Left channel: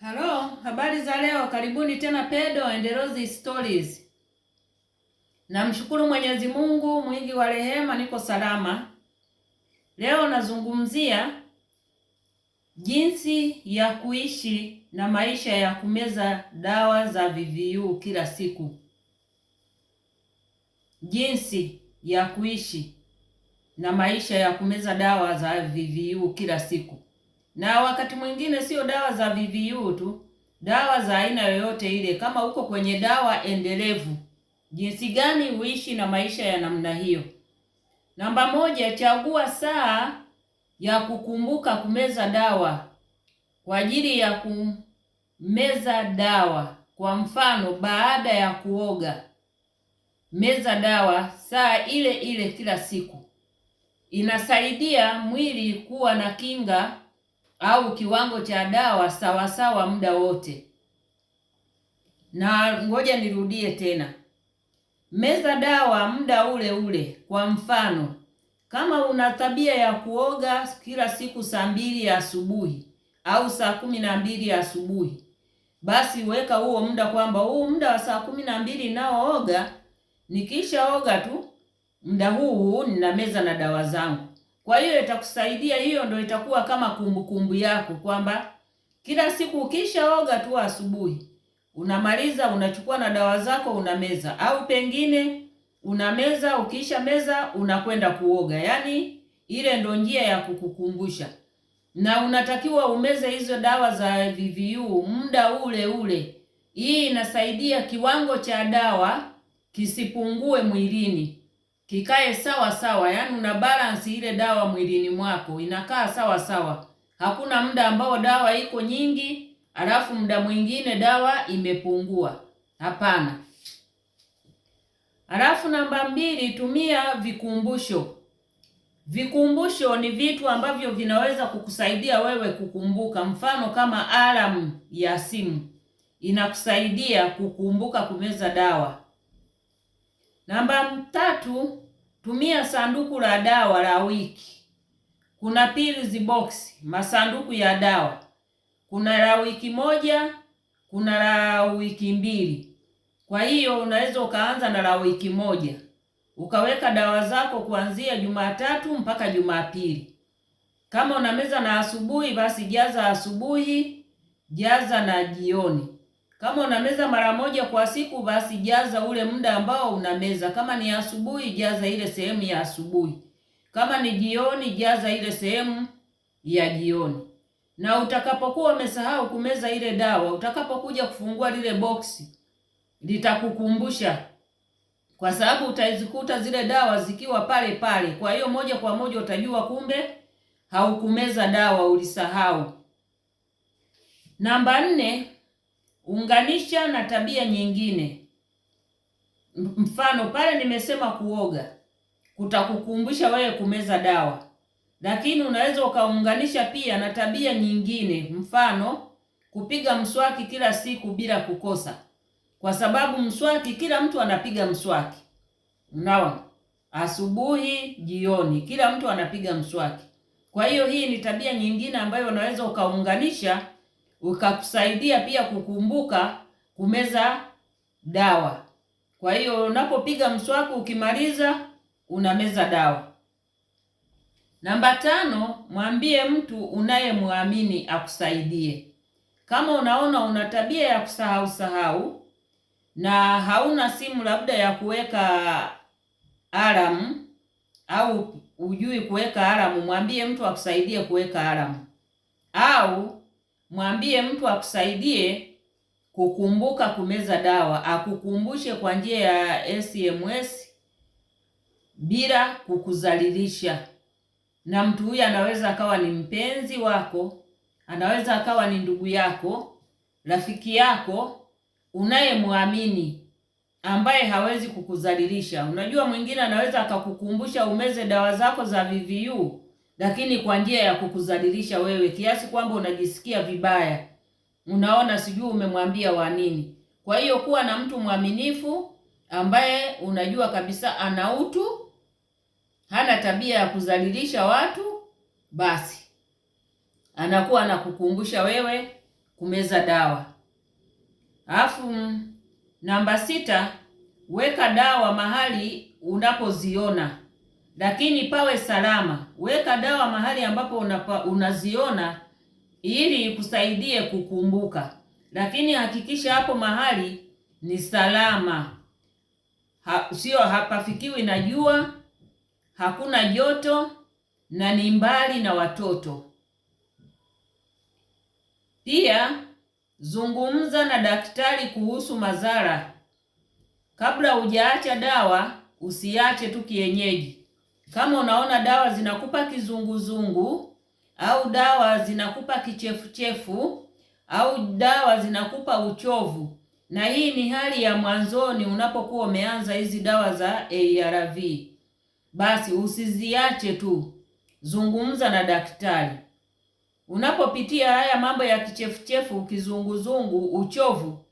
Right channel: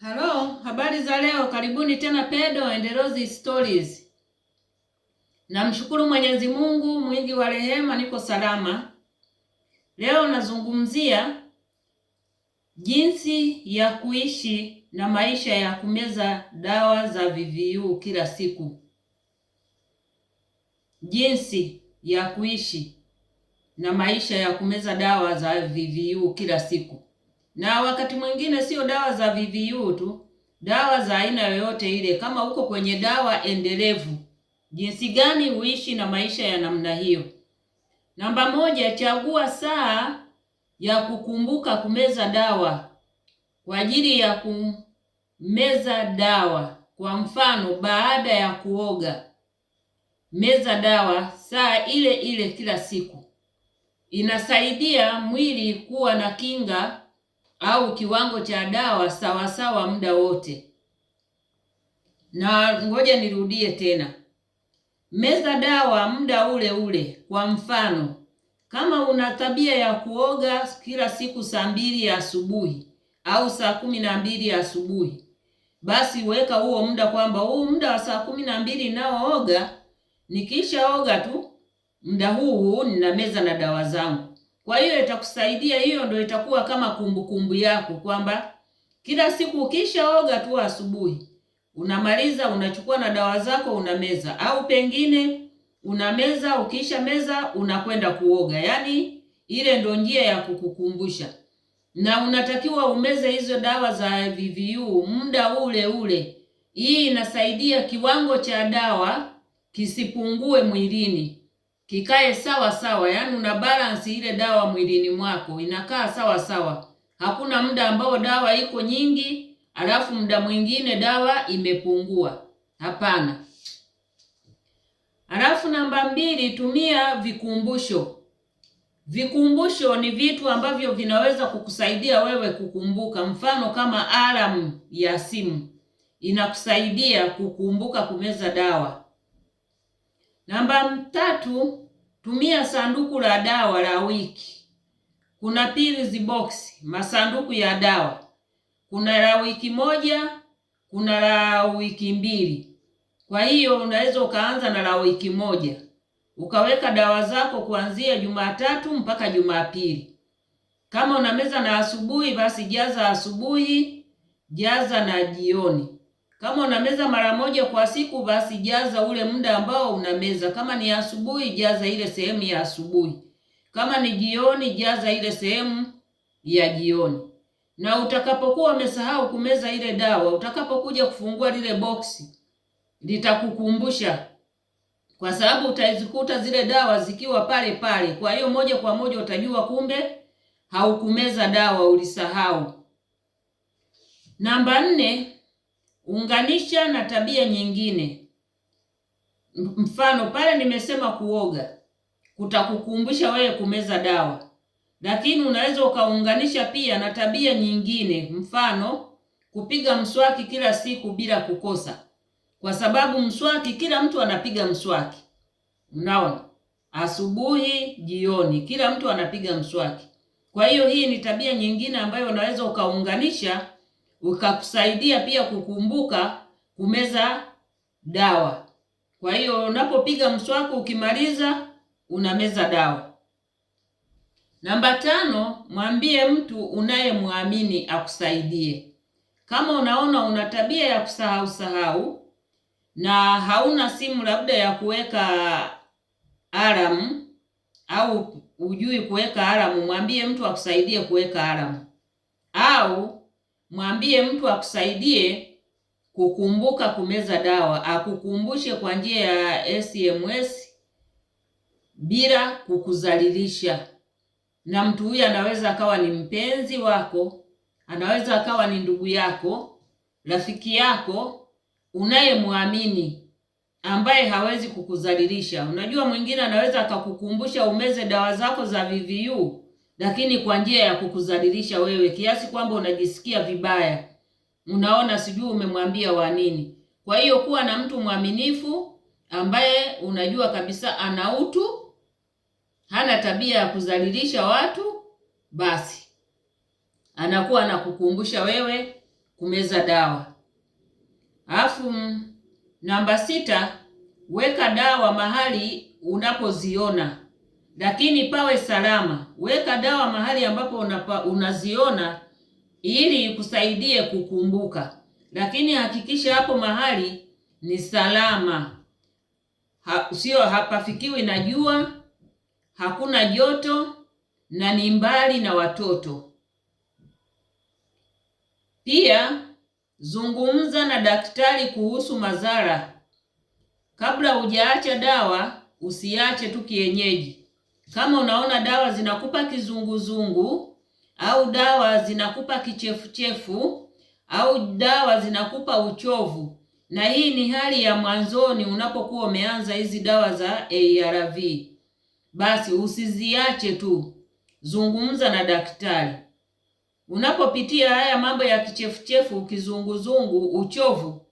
Halo, habari za leo. Karibuni tena Pedo and Rose Stories. Namshukuru Mwenyezi Mungu mwingi wa rehema, niko salama. Leo nazungumzia jinsi ya kuishi na maisha ya kumeza dawa za VVU kila siku. Jinsi ya kuishi na maisha ya kumeza dawa za VVU kila siku. Na wakati mwingine sio dawa za VVU tu, dawa za aina yoyote ile. Kama uko kwenye dawa endelevu, jinsi gani uishi na maisha ya namna hiyo? Namba moja, chagua saa ya kukumbuka kumeza dawa kwa ajili ya kumeza dawa. Kwa mfano, baada ya kuoga, meza dawa saa ile ile kila siku. Inasaidia mwili kuwa na kinga au kiwango cha dawa sawasawa muda wote. Na ngoja nirudie tena, meza dawa muda ule ule. Kwa mfano, kama una tabia ya kuoga kila siku saa 2 ya asubuhi au saa 12 ya asubuhi, basi weka huo muda kwamba huu muda wa saa 12 naooga, nikishaoga tu muda huu nina meza na dawa zangu. Kwa hiyo itakusaidia, hiyo ndio itakuwa kama kumbukumbu yako kwamba kila siku ukishaoga tu asubuhi, unamaliza unachukua na dawa zako unameza, au pengine unameza, ukisha meza unakwenda kuoga. Yaani ile ndio njia ya kukukumbusha. Na unatakiwa umeze hizo dawa za VVU muda ule ule. Hii inasaidia kiwango cha dawa kisipungue mwilini, kikae sawa sawa. Yaani una balance ile dawa mwilini mwako, inakaa sawa sawa. Hakuna muda ambao dawa iko nyingi alafu muda mwingine dawa imepungua. Hapana. Alafu namba 2, tumia vikumbusho. Vikumbusho ni vitu ambavyo vinaweza kukusaidia wewe kukumbuka. Mfano kama alarm ya simu inakusaidia kukumbuka kumeza dawa. Namba 3, tumia sanduku la dawa la wiki. Kuna pills box, masanduku ya dawa. Kuna la wiki 1, kuna la wiki 2. Kwa hiyo unaweza ukaanza na la wiki 1. Ukaweka dawa zako kuanzia Jumatatu mpaka Jumapili. Kama unameza na asubuhi, basi jaza asubuhi, jaza na jioni. Kama unameza mara moja kwa siku, basi jaza ule muda ambao unameza. Kama ni asubuhi, jaza ile sehemu ya asubuhi. Kama ni jioni, jaza ile sehemu ya jioni. Na utakapokuwa umesahau kumeza ile dawa, utakapokuja kufungua lile boksi, litakukumbusha, kwa sababu utazikuta zile dawa zikiwa pale pale. Kwa hiyo moja kwa moja utajua kumbe haukumeza dawa, ulisahau. Namba 4, unganisha na tabia nyingine. Mfano pale nimesema kuoga, kutakukumbusha wewe kumeza dawa. Lakini unaweza ukaunganisha pia na tabia nyingine. Mfano kupiga mswaki kila siku bila kukosa. Kwa sababu mswaki kila mtu anapiga mswaki. Unaona? Asubuhi, jioni, kila mtu anapiga mswaki. Kwa hiyo hii ni tabia nyingine ambayo unaweza ukaunganisha, ukakusaidia pia kukumbuka kumeza dawa. Kwa hiyo unapopiga mswaki ukimaliza unameza dawa. Namba 5, mwambie mtu unayemwamini akusaidie. Kama unaona una tabia ya kusahau na hauna simu labda ya kuweka alarm au hujui kuweka alarm, mwambie mtu akusaidie kuweka alarm. Au mwambie mtu akusaidie kukumbuka kumeza dawa, akukumbushe kwa njia ya SMS bila kukuzalilisha. Na mtu huyu anaweza akawa ni mpenzi wako, anaweza akawa ni ndugu yako, rafiki yako unayemwamini, ambaye hawezi kukuzalilisha. Unajua mwingine anaweza akakukumbusha umeze dawa zako za VVU, lakini kwa njia ya kukuzalilisha wewe, kiasi kwamba unajisikia vibaya. Unaona sijui umemwambia wa nini. Kwa hiyo kuwa na mtu mwaminifu ambaye unajua kabisa ana utu, hana tabia ya kuzalilisha watu, basi anakuwa anakukumbusha wewe kumeza dawa. Alafu namba 6, weka dawa mahali unapoziona, lakini pawe salama. Weka dawa mahali ambapo unaziona ili ikusaidie kukumbuka, lakini hakikisha hapo mahali ni salama, sio hapafikiwi na jua, hakuna joto na ni mbali na watoto. Pia zungumza na daktari kuhusu madhara. Kabla hujaacha dawa, usiache tu kienyeji. Kama unaona dawa zinakupa kizunguzungu au dawa zinakupa kichefuchefu au dawa zinakupa uchovu, na hii ni hali ya mwanzoni unapokuwa umeanza hizi dawa za ARV, basi usiziache tu, zungumza na daktari. Unapopitia haya mambo ya kichefuchefu, kizunguzungu, uchovu,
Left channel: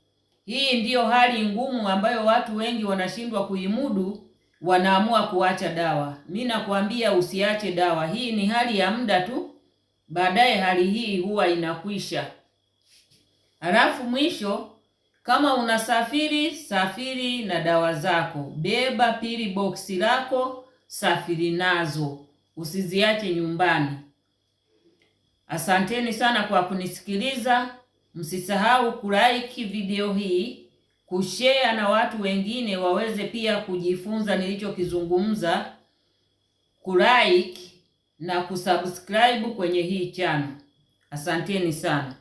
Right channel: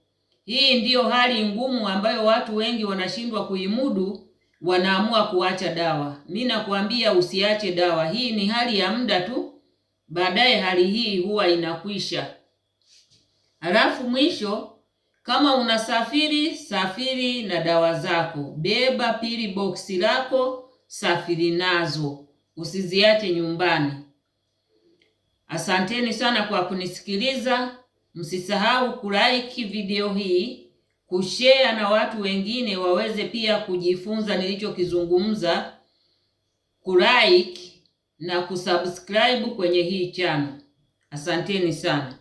hii ndiyo hali ngumu ambayo watu wengi wanashindwa kuimudu, wanaamua kuacha dawa. Mimi nakwambia usiache dawa. Hii ni hali ya muda tu, baadaye hali hii huwa inakwisha. Halafu mwisho, kama unasafiri, safiri na dawa zako. Beba pili box lako, safiri nazo, usiziache nyumbani. Asanteni sana kwa kunisikiliza. Msisahau kulike video hii, kushare na watu wengine waweze pia kujifunza nilichokizungumza, kulike na kusubscribe kwenye hii channel. Asanteni sana.